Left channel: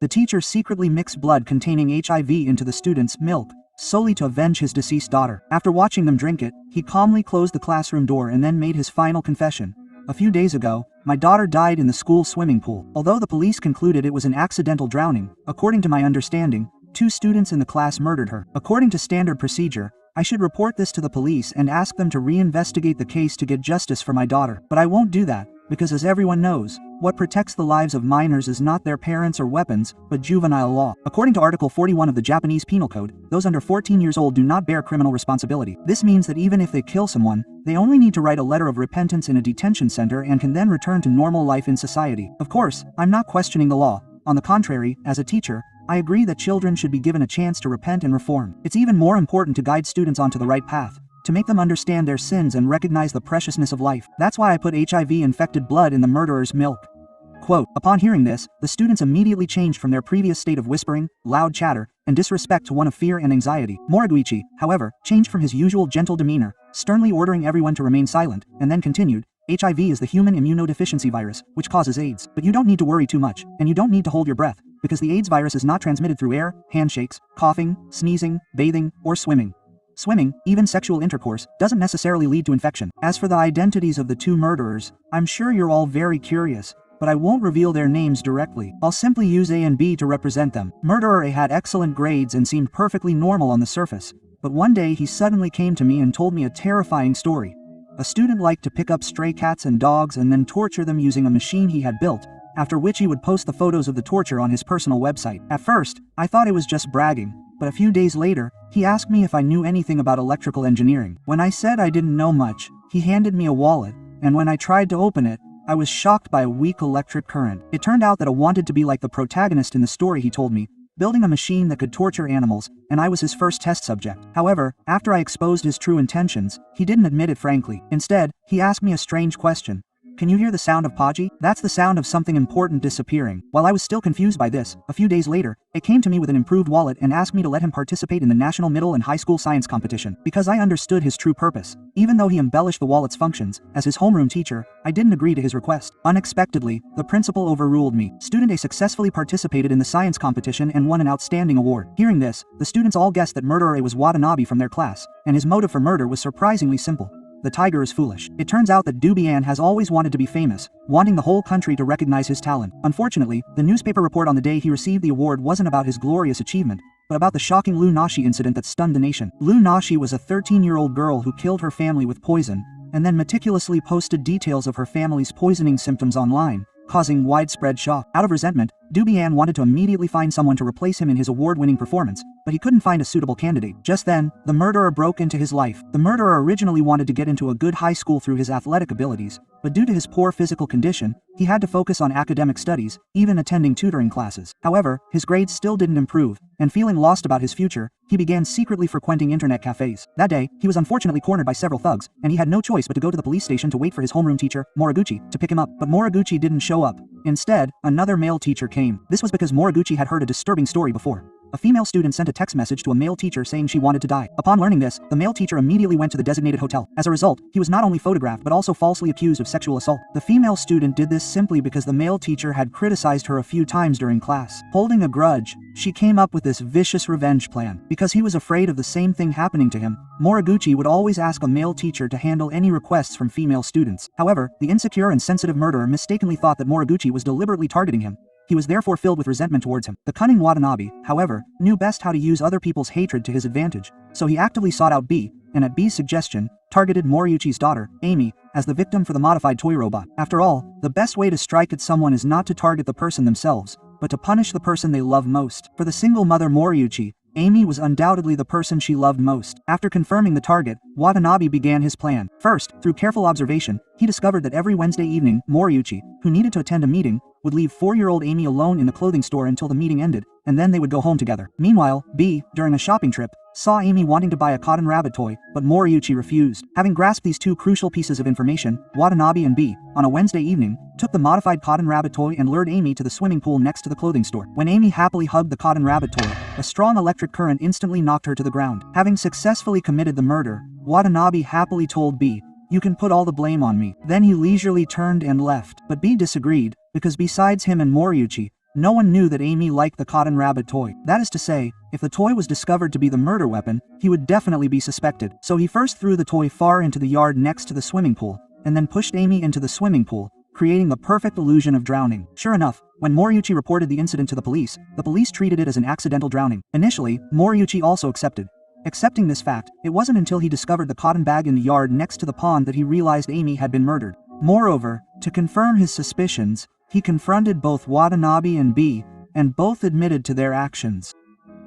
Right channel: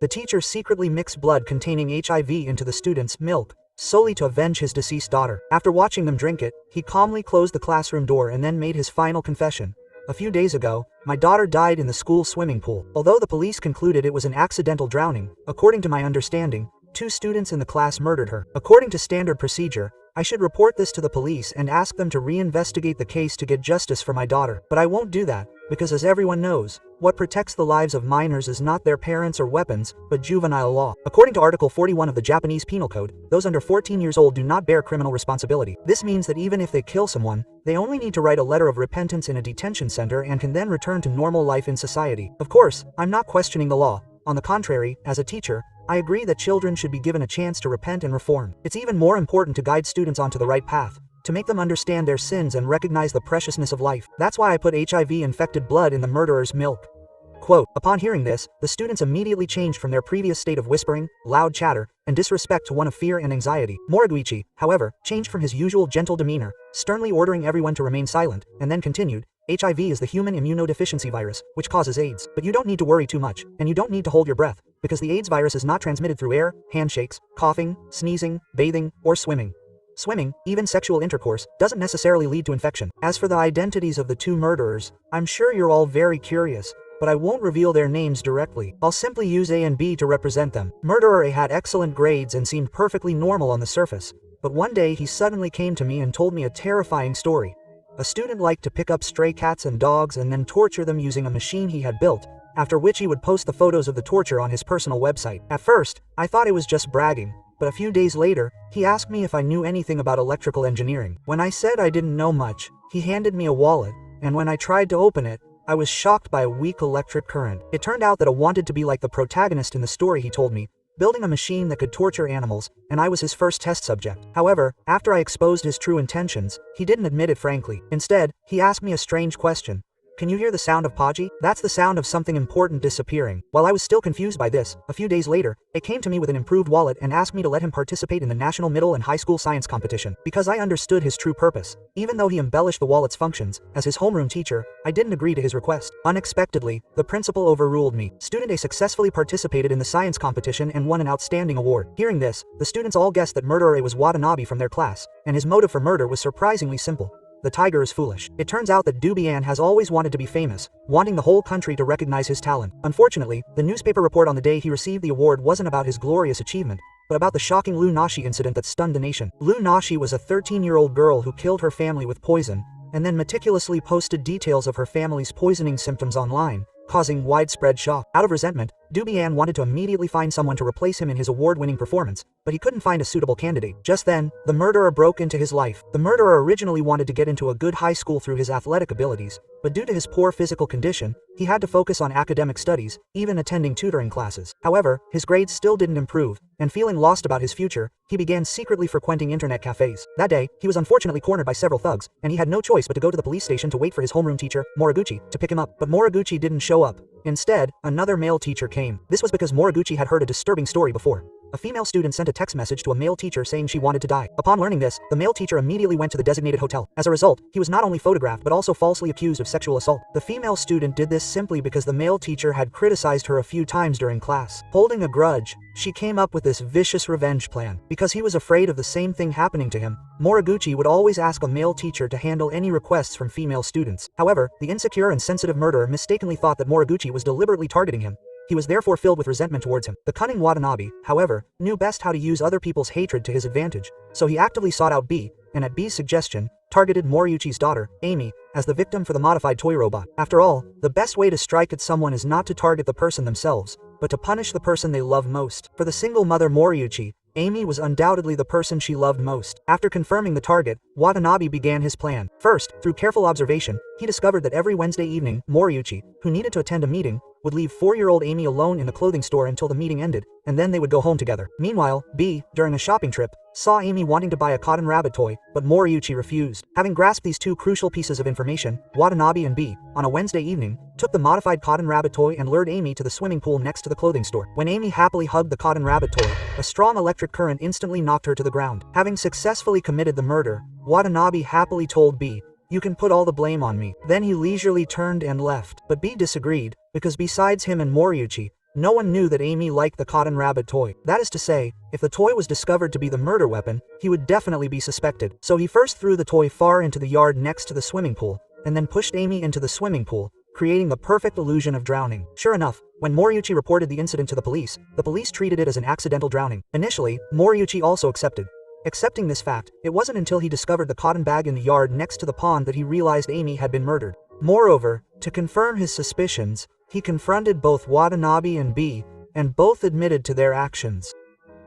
The teacher secretly mixed blood containing HIV into the student's milk, solely to avenge his deceased daughter. After watching them drink it, he calmly closed the classroom door and then made his final confession. A few days ago, my daughter died in the school swimming pool. Although the police concluded it was an accidental drowning, according to my understanding, 2 students in the class murdered her. According to standard procedure, I should report this to the police and ask them to reinvestigate the case to get justice for my daughter. But I won't do that, because as everyone knows, what protects the lives of minors is not their parents or weapons, but juvenile law. According to Article 41 of the Japanese Penal Code, those under 14 years old do not bear criminal responsibility. This means that even if they kill someone, they only need to write a letter of repentance in a detention center and can then return to normal life in society. Of course, I'm not questioning the law. On the contrary, as a teacher, I agree that children should be given a chance to repent and reform. It's even more important to guide students onto the right path, to make them understand their sins and recognize the preciousness of life. That's why I put HIV-infected blood in the murderer's milk. Quote, upon hearing this, the students immediately changed from their previous state of whispering, loud chatter, and disrespect to one of fear and anxiety. Moriguchi, however, changed from his usual gentle demeanor, sternly ordering everyone to remain silent, and then continued, HIV is the human immunodeficiency virus, which causes AIDS. But you don't need to worry too much, and you don't need to hold your breath, because the AIDS virus is not transmitted through air, handshakes, coughing, sneezing, bathing, or swimming. Swimming, even sexual intercourse, doesn't necessarily lead to infection. As for the identities of the 2 murderers, I'm sure you're all very curious, but I won't reveal their names directly. I'll simply use A and B to represent them. Murderer A had excellent grades and seemed perfectly normal on the surface, but one day he suddenly came to me and told me a terrifying story. A student liked to pick up stray cats and dogs and then torture them using a machine he had built, after which he would post the photos of the torture on his personal website. At first, I thought it was just bragging, but a few days later, he asked me if I knew anything about electrical engineering. When I said I didn't know much, he handed me a wallet, and when I tried to open it, I was shocked by a weak electric current. It turned out that I wanted to be like the protagonist in the story he told me, building a machine that could torture animals, and I was his first test subject. However, after I exposed his true intentions, he didn't admit it frankly. Instead, he asked me a strange question. Can you hear the sound of Paji? That's the sound of something important disappearing. While I was still confused by this, a few days later, it came to me with an improved wallet and asked me to let him participate in the National Middle and High School Science Competition. Because I understood his true purpose. Even though he embellished the wallet's functions, as his homeroom teacher, I didn't agree to his request. Unexpectedly, the principal overruled me. Student A successfully participated in the science competition and won an outstanding award. Hearing this, the students all guessed that murderer A was Watanabe from their class, and his motive for murder was surprisingly simple. The tiger is foolish. It turns out that Dubian has always wanted to be famous, wanting the whole country to recognize his talent. Unfortunately, the newspaper report on the day he received the award wasn't about his glorious achievement, but about the shocking Lu Nashi incident that stunned the nation. Lu Nashi was a 13-year-old girl who killed her family with poison, and then meticulously posted details of her family's poisoning symptoms online, causing widespread shock. Out of resentment, Dubian wanted to immediately find someone to replace him in his award-winning performance, but he couldn't find a suitable candidate. Just then, the murderer broke into his life. The murderer originally wanted to get into a good high school through his athletic abilities, but due to his poor physical condition, he had to focus on academic studies, even attending tutoring classes. However, his grades still didn't improve, and feeling lost about his future, he began secretly frequenting internet cafes. That day, he was unfortunately cornered by several thugs, and he had no choice but to go to the police station to wait for his homeroom teacher, Moriguchi, to pick him up. But Moriguchi didn't show up. Instead, another male teacher came. This was because Moriguchi had heard a disturbing story before. A female student sent a text message to a male teacher saying she wanted to die. Upon learning this, the male teacher immediately went to the designated hotel. As a result, he was not only photographed but also falsely accused of sexual assault. The female student did this simply because the male teacher had criticized her a few times during class. Holding a grudge, she came up with this vicious revenge plan. Because he was afraid of the same thing happening to him, Moriguchi would always ask a male teacher to handle any requests from female students. However, the insecure and sensitive murderer mistakenly thought that Moriguchi was deliberately targeting him. He was therefore filled with resentment towards him. The cunning Watanabe, however, knew best how to use other people's hatred to his advantage, so he actively sought out B, and at B's suggestion, targeted Moriguchi's daughter, Amy, as the victim for the modified toy robot. After all, the best way to strike at someone is not to target the person themselves, but to punish the person they love most. For the single mother Moriguchi, Amy was undoubtedly the person she loved most. After confirming the target, Watanabe began his plan. First, through careful observation, he discovered that every Wednesday evening, Moriguchi, who needed to attend a meeting, would leave 4-year-old Amy alone in the clothing store until the meeting ended, and then they would go home together. Meanwhile, B, during a shopping trip, saw Amy wanting to buy a cotton rabbit toy, but Moriguchi refused. Having grasped these two crucial pieces of information, Watanabe and B, on a Wednesday evening, took the modified cotton rabbit toy and lured Amy to the swimming pool next to the clothing store. When Amy happily hugged the cotton rabbit toy, a strong electric current instantly knocked her to the ground. Having successfully committed the murder, Watanabe happily told B, "You can put all the blame on me." Then he leisurely turned and left, but B disagreed, because besides him and Moriguchi, No one knew that Amy liked the cotton rabbit toy. That is to say, if the toy was discovered to be the murder weapon, he would definitely be suspected. So he first threw the toy far into the yard next to the swimming pool, and then pushed Amy into the swimming pool, creating the perfect illusion of drowning. Sure enough, when Moriuchi reported the incident to the police treated it as an accidental drowning. Initially, Moriuchi also accepted. Accepting this fact, it wasn't until he discovered the cotton bag in the yard next to the pond that he realized Amy had been murdered. Moreover, to confirm his suspicions, he confronted both Watanabe and B, and both admitted to their actions.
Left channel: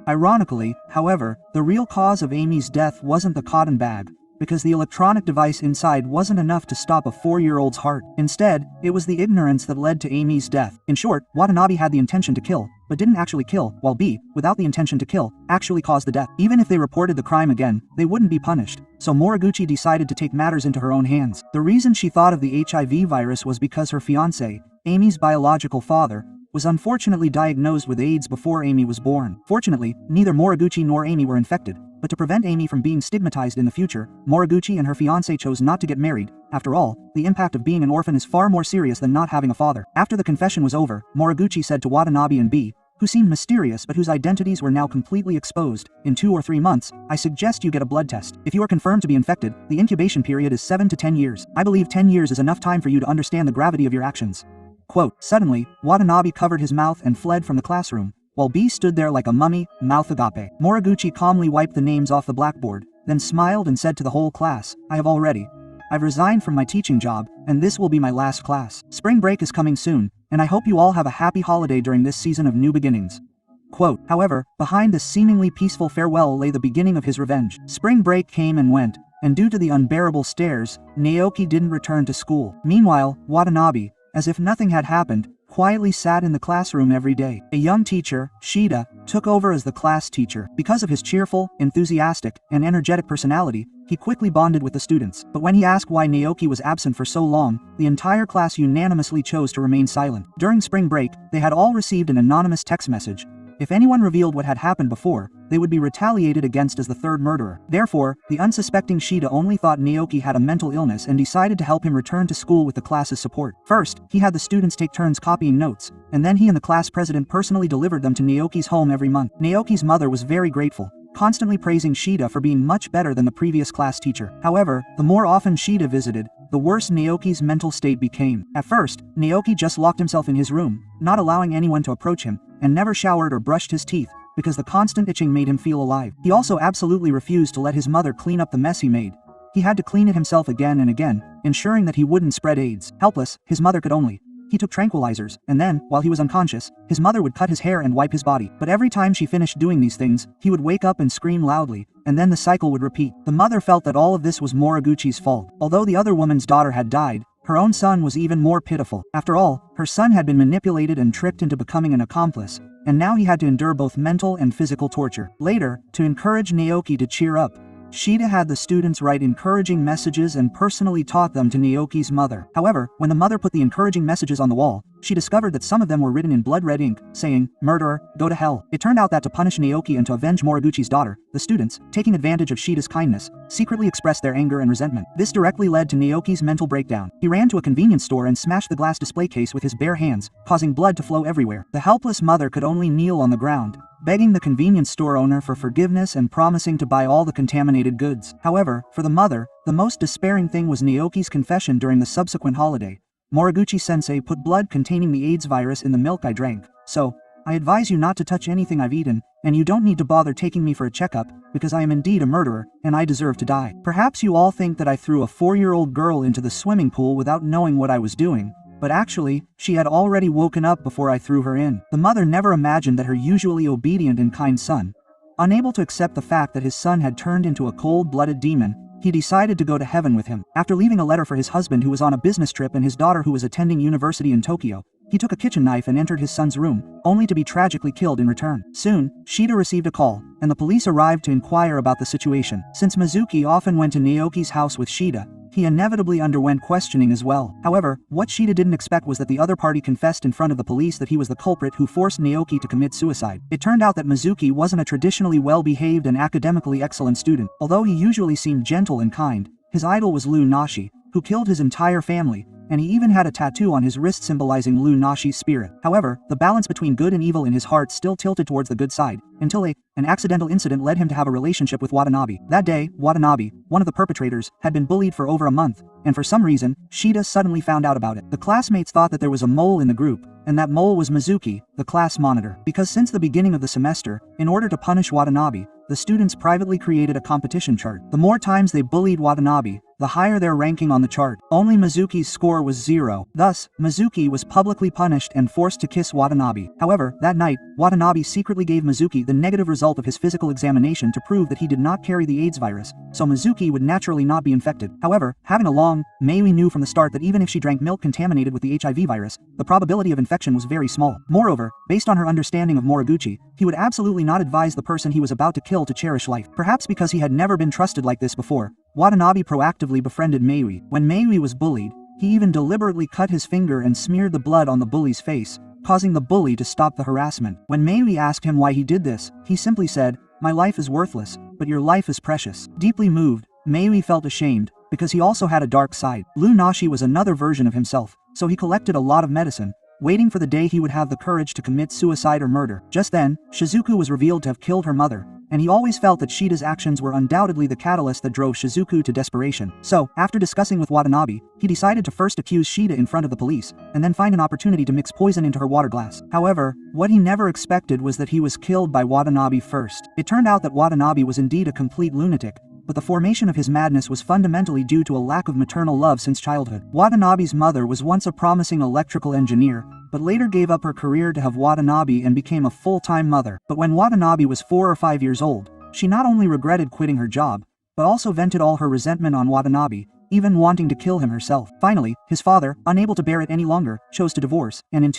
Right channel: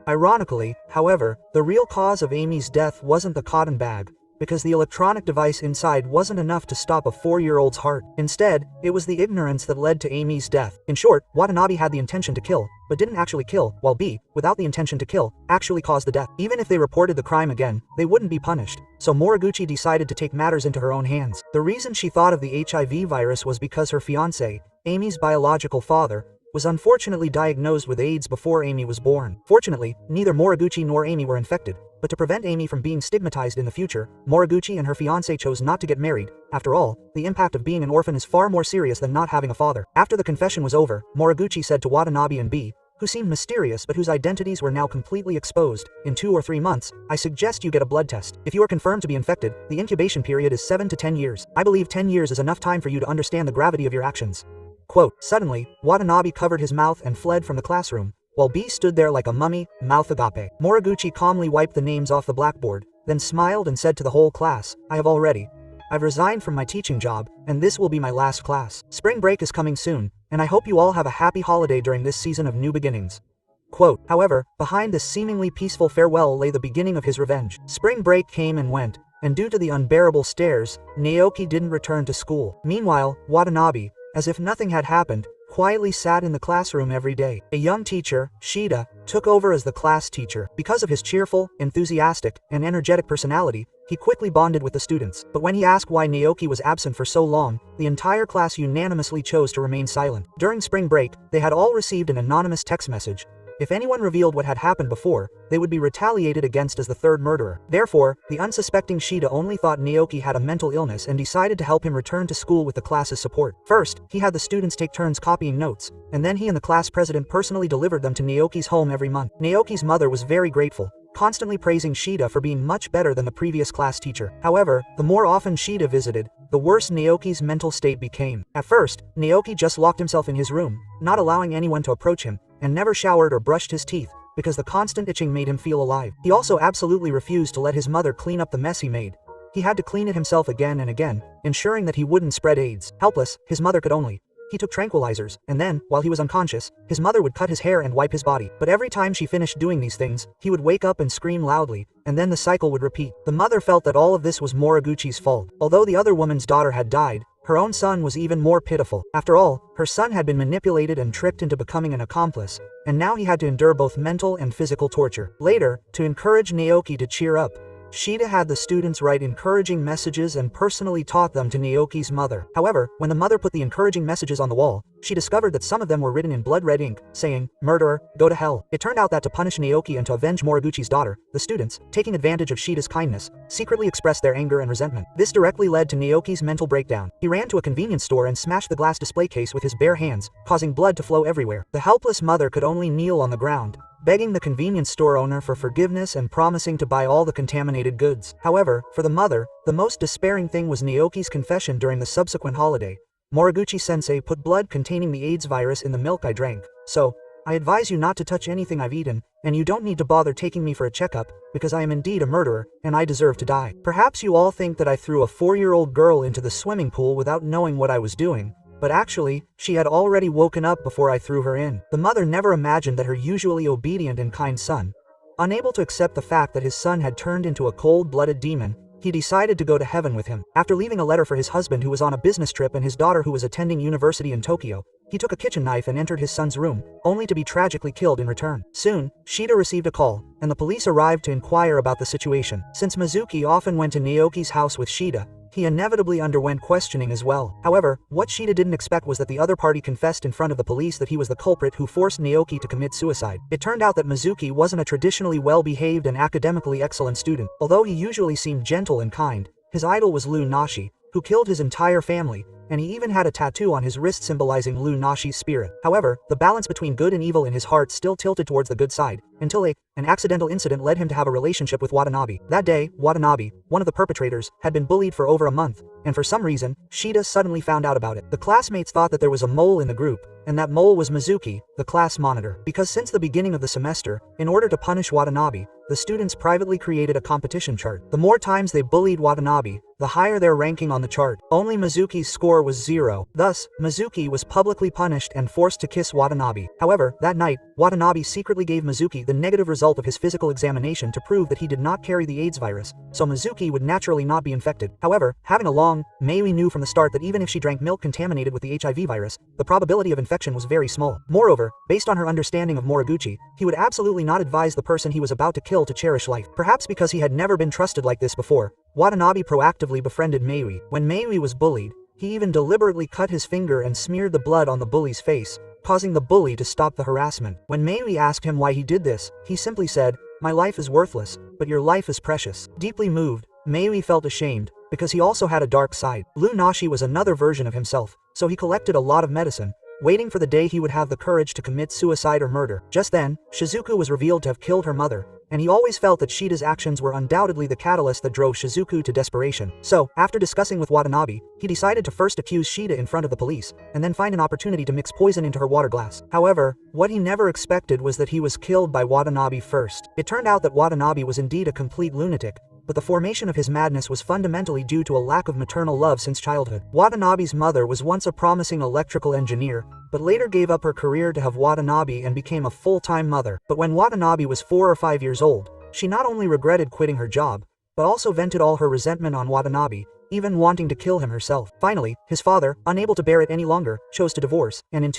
Ironically, however, the real cause of Amy's death wasn't the cotton bag, because the electronic device inside wasn't enough to stop a 4-year-old's heart. Instead, it was the ignorance that led to Amy's death. In short, Watanabe had the intention to kill, but didn't actually kill, while B, without the intention to kill, actually caused the death. Even if they reported the crime again, they wouldn't be punished. So Moriguchi decided to take matters into her own hands. The reason she thought of the HIV virus was because her fiancé, Amy's biological father, was unfortunately diagnosed with AIDS before Amy was born. Fortunately, neither Moriguchi nor Amy were infected, but to prevent Amy from being stigmatized in the future, Moriguchi and her fiancé chose not to get married. After all, the impact of being an orphan is far more serious than not having a father. After the confession was over, Moriguchi said to Watanabe and B, who seemed mysterious but whose identities were now completely exposed, "In 2 or 3 months, I suggest you get a blood test. If you are confirmed to be infected, the incubation period is 7 to 10 years. I believe 10 years is enough time for you to understand the gravity of your actions." Quote, suddenly, Watanabe covered his mouth and fled from the classroom, while B stood there like a mummy, mouth agape. Moriguchi calmly wiped the names off the blackboard, then smiled and said to the whole class, I've resigned from my teaching job, and this will be my last class. Spring break is coming soon, and I hope you all have a happy holiday during this season of new beginnings. Quote, however, behind this seemingly peaceful farewell lay the beginning of his revenge. Spring break came and went, and due to the unbearable stares, Naoki didn't return to school. Meanwhile, Watanabe, as if nothing had happened, quietly sat in the classroom every day. A young teacher, Shida, took over as the class teacher. Because of his cheerful, enthusiastic, and energetic personality, he quickly bonded with the students. But when he asked why Naoki was absent for so long, the entire class unanimously chose to remain silent. During spring break, they had all received an anonymous text message. If anyone revealed what had happened before, they would be retaliated against as the third murderer. Therefore, the unsuspecting Shida only thought Naoki had a mental illness and decided to help him return to school with the class's support. First, he had the students take turns copying notes, and then he and the class president personally delivered them to Naoki's home every month. Naoki's mother was very grateful, constantly praising Shida for being much better than the previous class teacher. However, the more often Shida visited, the worse Naoki's mental state became. At first, Naoki just locked himself in his room, not allowing anyone to approach him, and never showered or brushed his teeth, because the constant itching made him feel alive. He also absolutely refused to let his mother clean up the mess he made. He had to clean it himself again and again, ensuring that he wouldn't spread AIDS. Helpless, his mother could only. He took tranquilizers, and then, while he was unconscious, his mother would cut his hair and wipe his body. But every time she finished doing these things, he would wake up and scream loudly, and then the cycle would repeat. The mother felt that all of this was Moriguchi's fault. Although the other woman's daughter had died, her own son was even more pitiful. After all, her son had been manipulated and tricked into becoming an accomplice, and now he had to endure both mental and physical torture. Later, to encourage Naoki to cheer up, Shida had the students write encouraging messages and personally taught them to Naoki's mother. However, when the mother put the encouraging messages on the wall, she discovered that some of them were written in blood red ink, saying, "Murderer, go to hell." It turned out that to punish Naoki and to avenge Moriguchi's daughter, the students, taking advantage of Shida's kindness, secretly expressed their anger and resentment. This directly led to Naoki's mental breakdown. He ran to a convenience store and smashed the glass display case with his bare hands, causing blood to flow everywhere. The helpless mother could only kneel on the ground, begging the convenience store owner for forgiveness and promising to buy all the contaminated goods. However, for the mother, the most despairing thing was Naoki's confession during the subsequent holiday. Moriguchi-sensei put blood containing the AIDS virus in the milk I drank, so I advise you not to touch anything I've eaten, and you don't need to bother taking me for a checkup, because I am indeed a murderer, and I deserve to die. Perhaps you all think that I threw a 4-year-old girl into the swimming pool without knowing what I was doing, but actually, she had already woken up before I threw her in. The mother never imagined that her usually obedient and kind son, unable to accept the fact that his son had turned into a cold-blooded demon, he decided to go to heaven with him. After leaving a letter for his husband who was on a business trip and his daughter who was attending university in Tokyo, he took a kitchen knife and entered his son's room, only to be tragically killed in return. Soon, Shida received a call, and the police arrived to inquire about the situation. Since Mizuki often went to Naoki's house with Shida, he inevitably underwent questioning as well. However, what Shida didn't expect was that the other party confessed in front of the police that he was the culprit who forced Naoki to commit suicide. It turned out that Mizuki wasn't a traditionally well-behaved and academically excellent student. Although he usually seemed gentle and kind, his idol was Nashi, who killed his entire family, and he even had a tattoo on his wrist symbolizing Lu Nashi's spirit. However, the balance between good and evil in his heart still tilted towards the good side, until an accidental incident led him to have a relationship with Watanabe. That day, Watanabe, one of the perpetrators, had been bullied for over a month, and for some reason, Shida suddenly found out about it. The classmates thought that there was a mole in the group, and that mole was Mizuki, the class monitor. Because since the beginning of the semester, in order to punish Watanabe, the students privately created a competition chart. The more times they bullied Watanabe, the higher their ranking on the chart. Only Mizuki's score was 0. Thus, Mizuki was publicly punished and forced to kiss Watanabe. However, that night, Watanabe secretly gave Mizuki the negative result of his physical examination to prove that he did not carry the AIDS virus, so Mizuki would naturally not be infected. However, having along, Maui knew from the start that even if she drank milk contaminated with the HIV virus, the probability of infection was very small. Moreover, based on her understanding of Moriguchi, he would absolutely not advise the person he was about to kill to cherish life. Perhaps because he had never been trusted like this before, Watanabe proactively befriended Maui. When Maui was bullied, he even deliberately cut his finger and smeared the blood on the bully's face, causing the bully to stop the harassment. When Maui asked him why he did this, he simply said, "My life is worthless, but your life is precious." Deeply moved, Maui felt ashamed, because he also had a dark side. Lu Nashi was another version of himself, so he collected a lot of medicine, waiting for the day he would have the courage to commit suicide or murder. Just then, Shizuku was revealed to have killed her mother, and he always felt that Shida's actions were undoubtedly the catalyst that drove Shizuku to desperation. So, after discussing with Watanabe, he decided to first accuse Shida in front of the police, and then find an opportunity to mix poison into her water glass. However, what he never expected was that he was killed by Watanabe first. It turned out that Watanabe was indeed a complete lunatic, but the formation of his madness was fundamentally due to a lack of maternal love since childhood. Watanabe's mother was once a promising electrical engineer, but later gave up her career to have Watanabe and became a full-time mother. But when Watanabe was 4 or 5 years old, she not only regretted quitting her job, but also vented all her resentment on Watanabe, even wanting to kill him herself. Finally, his father, unable to bear it any longer, chose to divorce, and in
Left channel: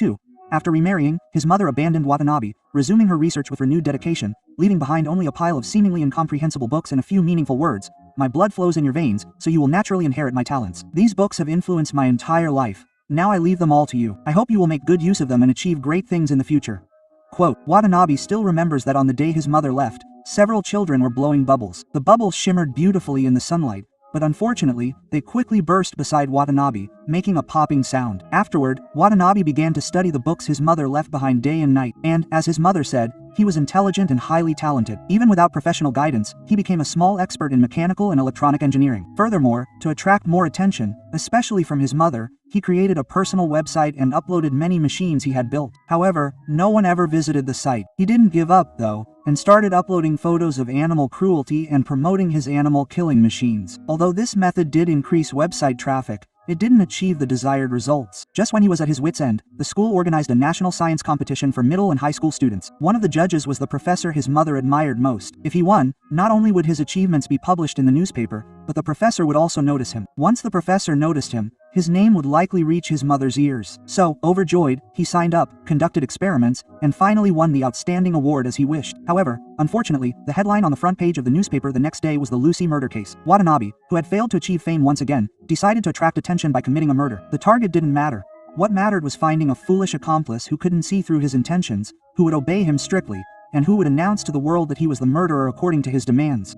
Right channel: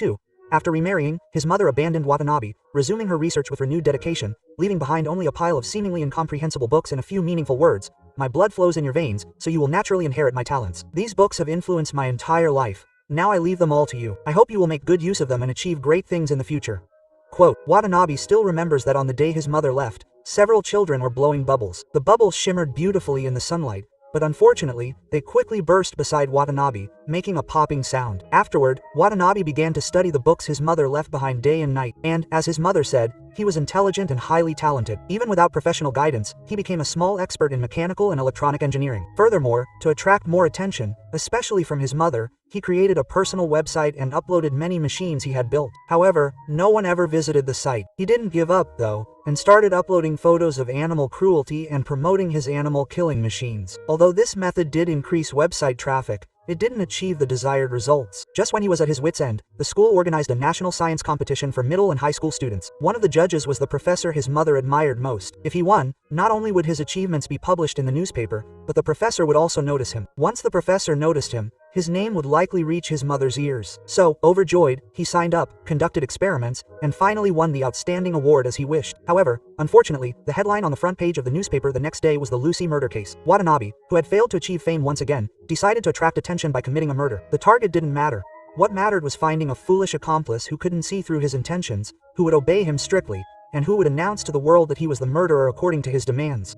after remarrying, his mother abandoned Watanabe, resuming her research with renewed dedication, leaving behind only a pile of seemingly incomprehensible books and a few meaningful words. "My blood flows in your veins, so you will naturally inherit my talents. These books have influenced my entire life. Now I leave them all to you. I hope you will make good use of them and achieve great things in the future." Quote, Watanabe still remembers that on the day his mother left, several children were blowing bubbles. The bubbles shimmered beautifully in the sunlight, but unfortunately, they quickly burst beside Watanabe, making a popping sound. Afterward, Watanabe began to study the books his mother left behind day and night, and, as his mother said, he was intelligent and highly talented. Even without professional guidance, he became a small expert in mechanical and electronic engineering. Furthermore, to attract more attention, especially from his mother, he created a personal website and uploaded many machines he had built. However, no one ever visited the site. He didn't give up, though, and started uploading photos of animal cruelty and promoting his animal killing machines. Although this method did increase website traffic, it didn't achieve the desired results. Just when he was at his wit's end, the school organized a national science competition for middle and high school students. One of the judges was the professor his mother admired most. If he won, not only would his achievements be published in the newspaper, but the professor would also notice him. Once the professor noticed him, his name would likely reach his mother's ears. So, overjoyed, he signed up, conducted experiments, and finally won the outstanding award as he wished. However, unfortunately, the headline on the front page of the newspaper the next day was the Lucy murder case. Watanabe, who had failed to achieve fame once again, decided to attract attention by committing a murder. The target didn't matter. What mattered was finding a foolish accomplice who couldn't see through his intentions, who would obey him strictly, and who would announce to the world that he was the murderer according to his demands.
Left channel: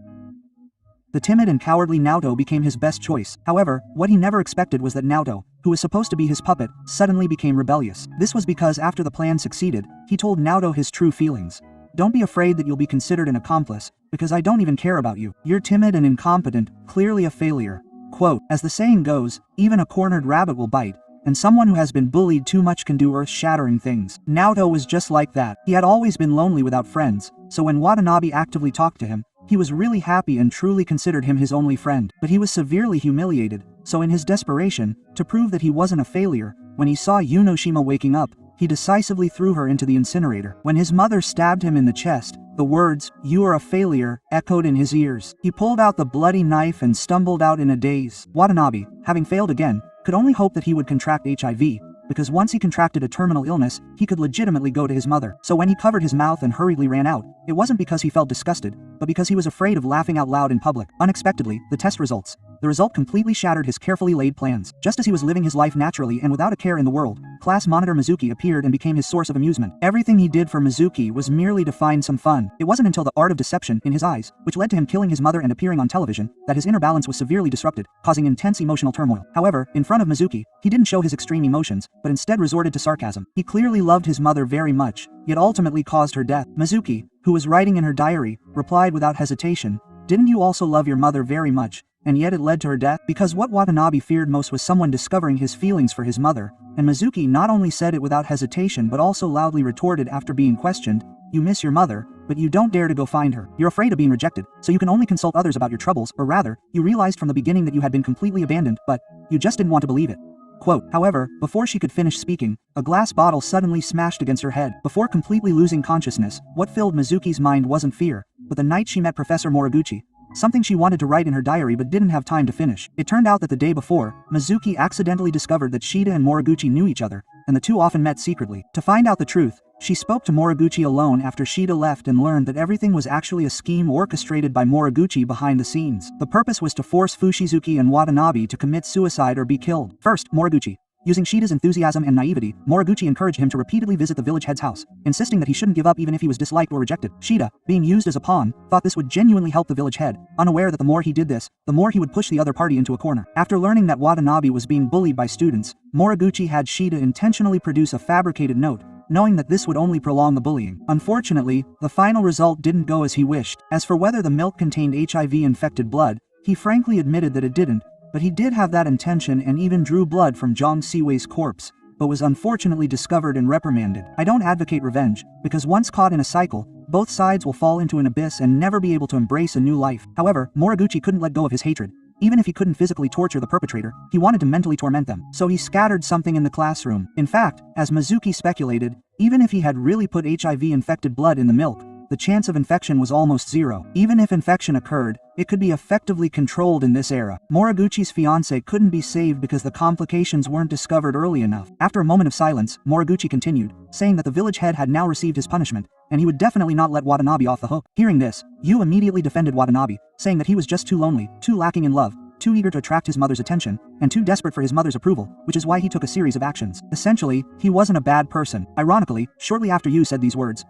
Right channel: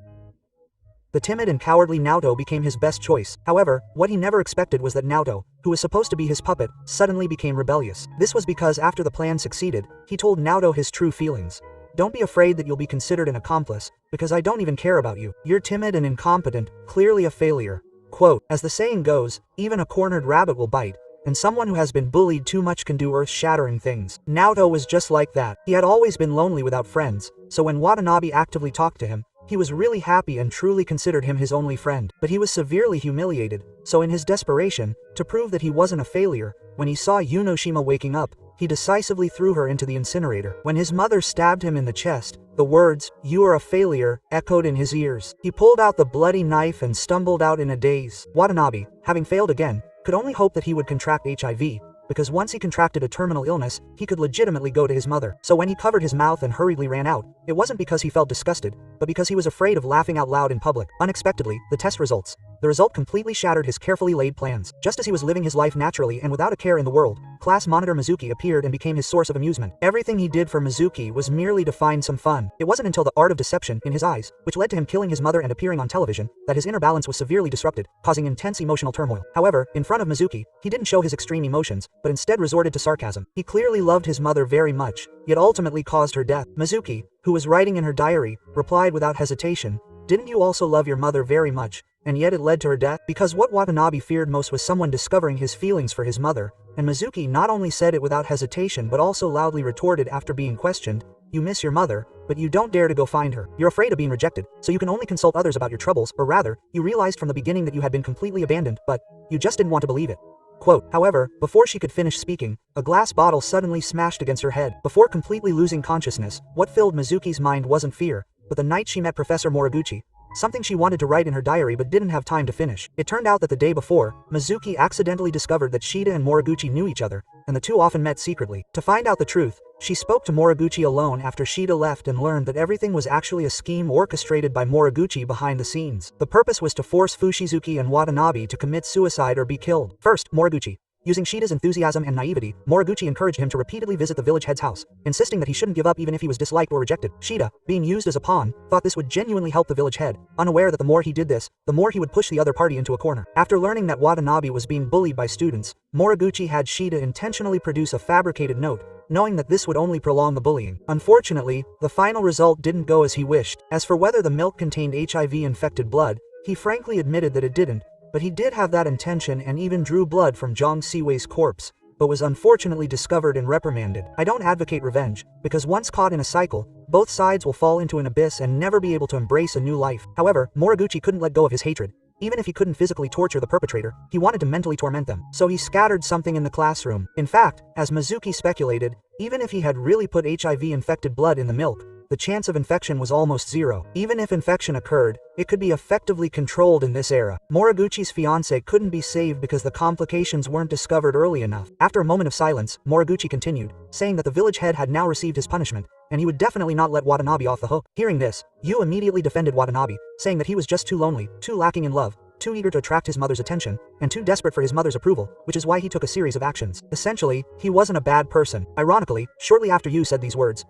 The timid and cowardly Naoto became his best choice. However, what he never expected was that Naoto, who was supposed to be his puppet, suddenly became rebellious. This was because after the plan succeeded, he told Naoto his true feelings. "Don't be afraid that you'll be considered an accomplice, because I don't even care about you. You're timid and incompetent, clearly a failure." Quote, as the saying goes, even a cornered rabbit will bite, and someone who has been bullied too much can do earth-shattering things. Naoto was just like that. He had always been lonely without friends, so when Watanabe actively talked to him, he was really happy and truly considered him his only friend. But he was severely humiliated, so in his desperation, to prove that he wasn't a failure, when he saw Yunoshima waking up, he decisively threw her into the incinerator. When his mother stabbed him in the chest, the words, "You are a failure," echoed in his ears. He pulled out the bloody knife and stumbled out in a daze. Watanabe, having failed again, could only hope that he would contract HIV, because once he contracted a terminal illness, he could legitimately go to his mother. So when he covered his mouth and hurriedly ran out, It wasn't because he felt disgusted, but because he was afraid of laughing out loud in public. Unexpectedly, the test results. The result completely shattered his carefully laid plans. Just as he was living his life naturally and without a care in the world, class monitor Mizuki appeared and became his source of amusement. Everything he did for Mizuki was merely to find some fun. It wasn't until the art of deception in his eyes, which led to him killing his mother and appearing on television, that his inner balance was severely disrupted, causing intense emotional turmoil. However, in front of Mizuki, he didn't show his extreme emotions, but instead resorted to sarcasm. He clearly loved his mother very much, yet ultimately caused her death. Mizuki, who was writing in her diary, replied without hesitation, "Didn't you also love your mother very much, and yet it led to her death?" Because what Watanabe feared most was someone discovering his feelings for his mother, and Mizuki not only said it without hesitation but also loudly retorted after being questioned, "You miss your mother, but you don't dare to go find her. You're afraid of being rejected, so you can only consult others about your troubles, or rather, you realized from the beginning that you had been completely abandoned, but you just didn't want to believe it." Quote, however, before she could finish speaking, a glass bottle suddenly smashed against her head. Before completely losing consciousness, what filled Mizuki's mind wasn't fear, but the night she met Professor Moriguchi, something she wanted to write in her diary but didn't have time to finish. It turned out that the day before, Mizuki accidentally discovered that Shida and Moriguchi knew each other, and the two often met secretly. To find out the truth, she spoke to Moriguchi alone after Shida left and learned that everything was actually a scheme orchestrated by Moriguchi behind the scenes. The purpose was to force Fushizuki and Watanabe to commit suicide or be killed. First, Moriguchi. Using Shida's enthusiasm and naivety, Moriguchi encouraged him to repeatedly visit the village head's house, insisting that he shouldn't give up even if he was disliked or rejected. Shida, being used as a pawn, thought this would genuinely help the village head, unaware that the more he did this, the more he would push the other party into a corner. After learning that Watanabe was being bullied by students, Moriguchi had Shida intentionally produce a fabricated note, knowing that this would only prolong the bullying. Unfortunately, the final result didn't go as he wished. As for whether the milk contained HIV-infected blood, he frankly admitted that it didn't, but he did have that intention and even drew blood from Zhang Siwei's corpse, but was unfortunately discovered and reprimanded. I don't advocate revenge, because once caught in a cycle, both sides will fall into an abyss and never be able to embrace a new life. However, Moriguchi couldn't let go of his hatred. Even if he couldn't physically torture the perpetrator, he wanted to mentally torment them. So he scattered something in the classroom. In fact, as Mizuki speculated, even if he had really put HIV-infected blood in the milk, the chance of infection was almost zero. Even if infection occurred, it could be effectively controlled in this era. Moriguchi's fiancée couldn't be saved because the complications weren't discovered early enough. After a moment of silence, Moriguchi continued, saying that the village head had now received his punishment, and he would definitely not let Watanabe off the hook. Hearing this, Yu immediately defended Watanabe, saying that he was just too lonely, too lacking in love, too eager to attract his mother's attention, and too desperate for his mother's approval, which is why he took a series of actions. Essentially, he wasn't a bad person. Ironically, shortly after Yu said these words,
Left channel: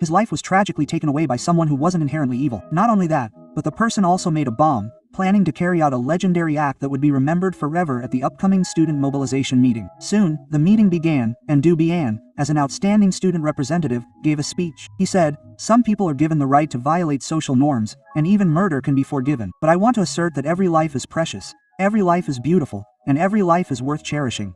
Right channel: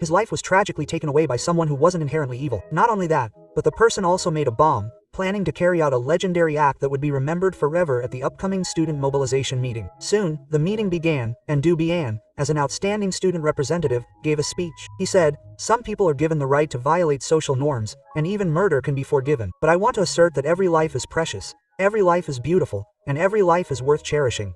his life was tragically taken away by someone who wasn't inherently evil. Not only that, but the person also made a bomb, planning to carry out a legendary act that would be remembered forever at the upcoming student mobilization meeting. Soon, the meeting began, and Du Bian, as an outstanding student representative, gave a speech. He said, "Some people are given the right to violate social norms, and even murder can be forgiven. But I want to assert that every life is precious, every life is beautiful, and every life is worth cherishing."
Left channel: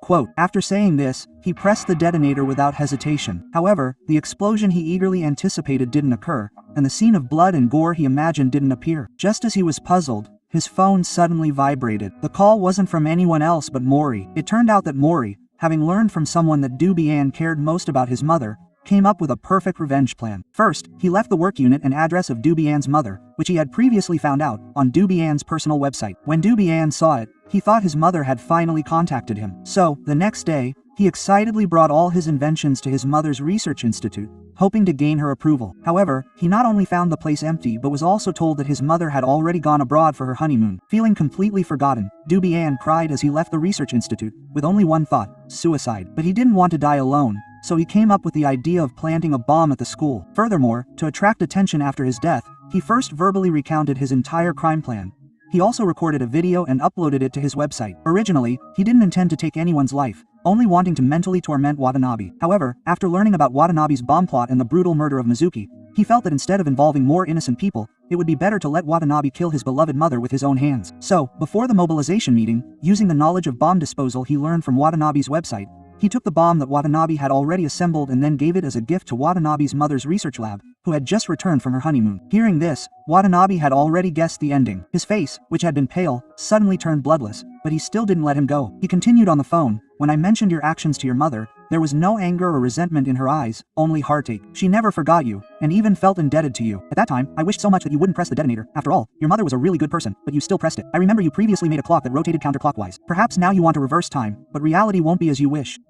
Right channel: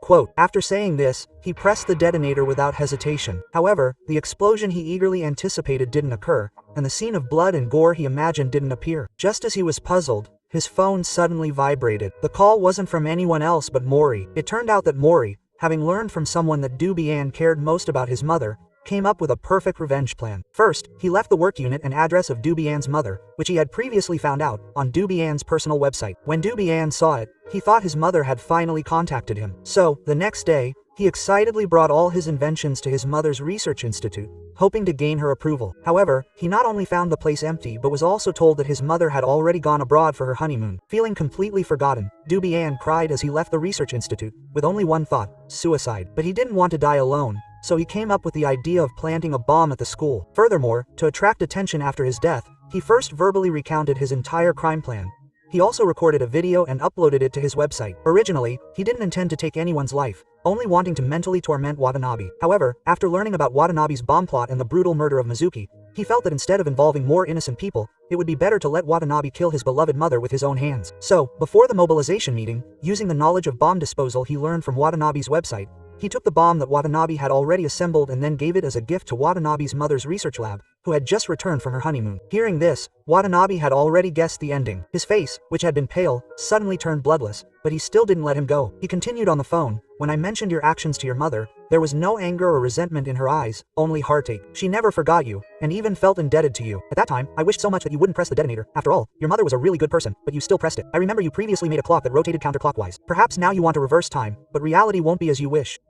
Quote, after saying this, he pressed the detonator without hesitation. However, the explosion he eagerly anticipated didn't occur, and the scene of blood and gore he imagined didn't appear. Just as he was puzzled, his phone suddenly vibrated. The call wasn't from anyone else but Mori. It turned out that Mori, having learned from someone that Du Bian cared most about his mother, came up with a perfect revenge plan. First, he left the work unit and address of Du Bian's mother, which he had previously found out, on Du Bian's personal website. When Du Bian saw it, he thought his mother had finally contacted him. So, the next day, he excitedly brought all his inventions to his mother's research institute, hoping to gain her approval. However, he not only found the place empty but was also told that his mother had already gone abroad for her honeymoon. Feeling completely forgotten, Du Bian cried as he left the research institute, with only one thought: suicide. But he didn't want to die alone, so he came up with the idea of planting a bomb at the school. Furthermore, to attract attention after his death, he first verbally recounted his entire crime plan. He also recorded a video and uploaded it to his website. Originally, he didn't intend to take anyone's life, only wanting to mentally torment Watanabe. However, after learning about Watanabe's bomb plot and the brutal murder of Mizuki, he felt that instead of involving more innocent people, it would be better to let Watanabe kill his beloved mother with his own hands. So, before the mobilization meeting, using the knowledge of bomb disposal he learned from Watanabe's website, he took the bomb that Watanabe had already assembled and then gave it as a gift to Watanabe's mother's research lab, who had just returned from her honeymoon. Hearing this, Watanabe had already guessed the ending. His face, which had been pale, suddenly turned bloodless, but he still didn't let him go. He continued on the phone, "When I mentioned your actions to your mother, there was no anger or resentment in her eyes, only heartache. She never forgot you, and even felt indebted to you. At that time, I wished so much that you wouldn't press the detonator. After all, your mother was a really good person, but you still pressed it. I remember you previously made a clock that rotated counterclockwise. Perhaps now you want to reverse time, but reality won't be as you wish."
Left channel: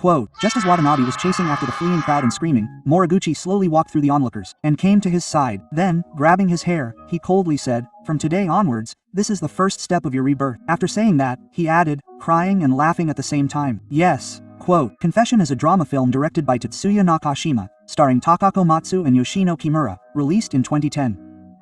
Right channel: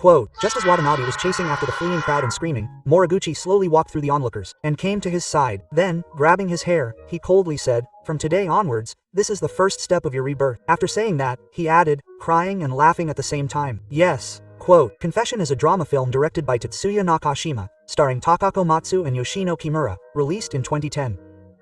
Quote, just as Watanabe was chasing after the fleeing crowd and screaming, Moriguchi slowly walked through the onlookers, and came to his side. Then, grabbing his hair, he coldly said, from today onwards, this is the first step of your rebirth. After saying that, he added, crying and laughing at the same time. Yes. Quote, Confession is a drama film directed by Tetsuya Nakashima, starring Takako Matsu and Yoshino Kimura, released in 2010.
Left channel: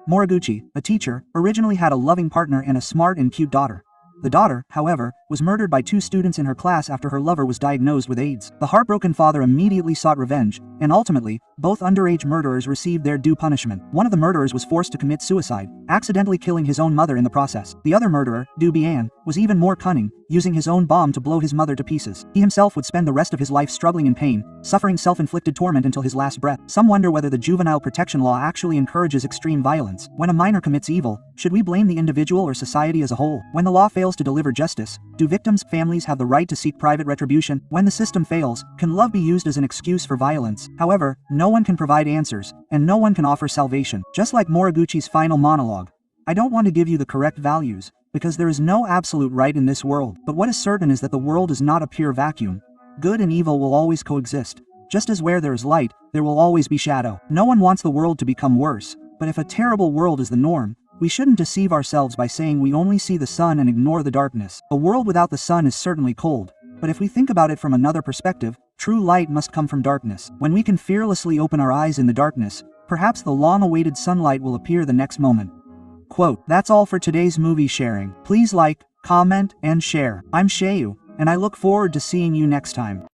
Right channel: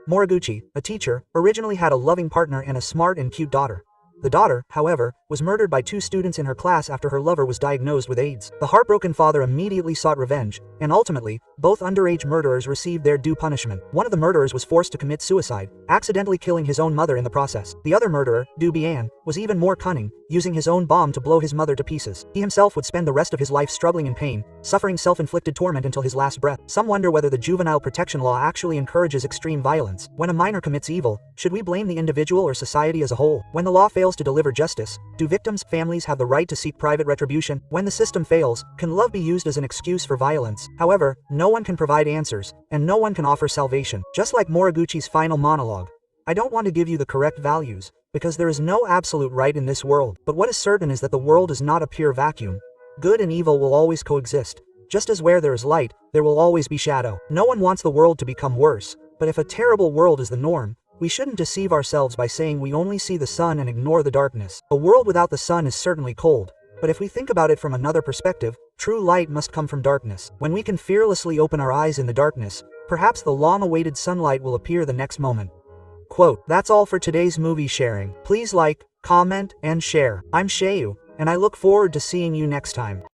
Moriguchi, a teacher, originally had a loving partner and a smart and cute daughter. The daughter, however, was murdered by 2 students in her class after her lover was diagnosed with AIDS. The heartbroken father immediately sought revenge, and ultimately, both underage murderers received their due punishment. One of the murderers was forced to commit suicide, accidentally killing his own mother in the process. The other murderer, Du Bian, was even more cunning, using his own bomb to blow his mother to pieces. He himself would spend the rest of his life struggling in pain, suffering self-inflicted torment until his last breath. Some wonder whether the juvenile protection law actually encourages extreme violence. When a minor commits evil, should we blame the individual or society as a whole? When the law fails to deliver justice, do victims' families have the right to seek private retribution? When the system fails, can love be used as an excuse for violence? However, no one can provide answers, and no one can offer salvation. Just like Moriguchi's final monologue, I don't want to give you the correct values, because there is no absolute right in this world. But what is certain is that the world is not a pure vacuum. Good and evil will always coexist. Just as where there is light, there will always be shadow. No one wants the world to become worse, but if a terrible world is the norm, we shouldn't deceive ourselves by saying we only see the sun and ignore the darkness. A world without the sun is certainly cold, but if we think about it from another perspective, true light must come from darkness. When we can fearlessly open our eyes in the darkness, perhaps the long-awaited sunlight will appear the next moment. Quote, that's all for today's movie sharing. Please like, comment, and share. I'm Shayu, and I look forward to seeing you next time.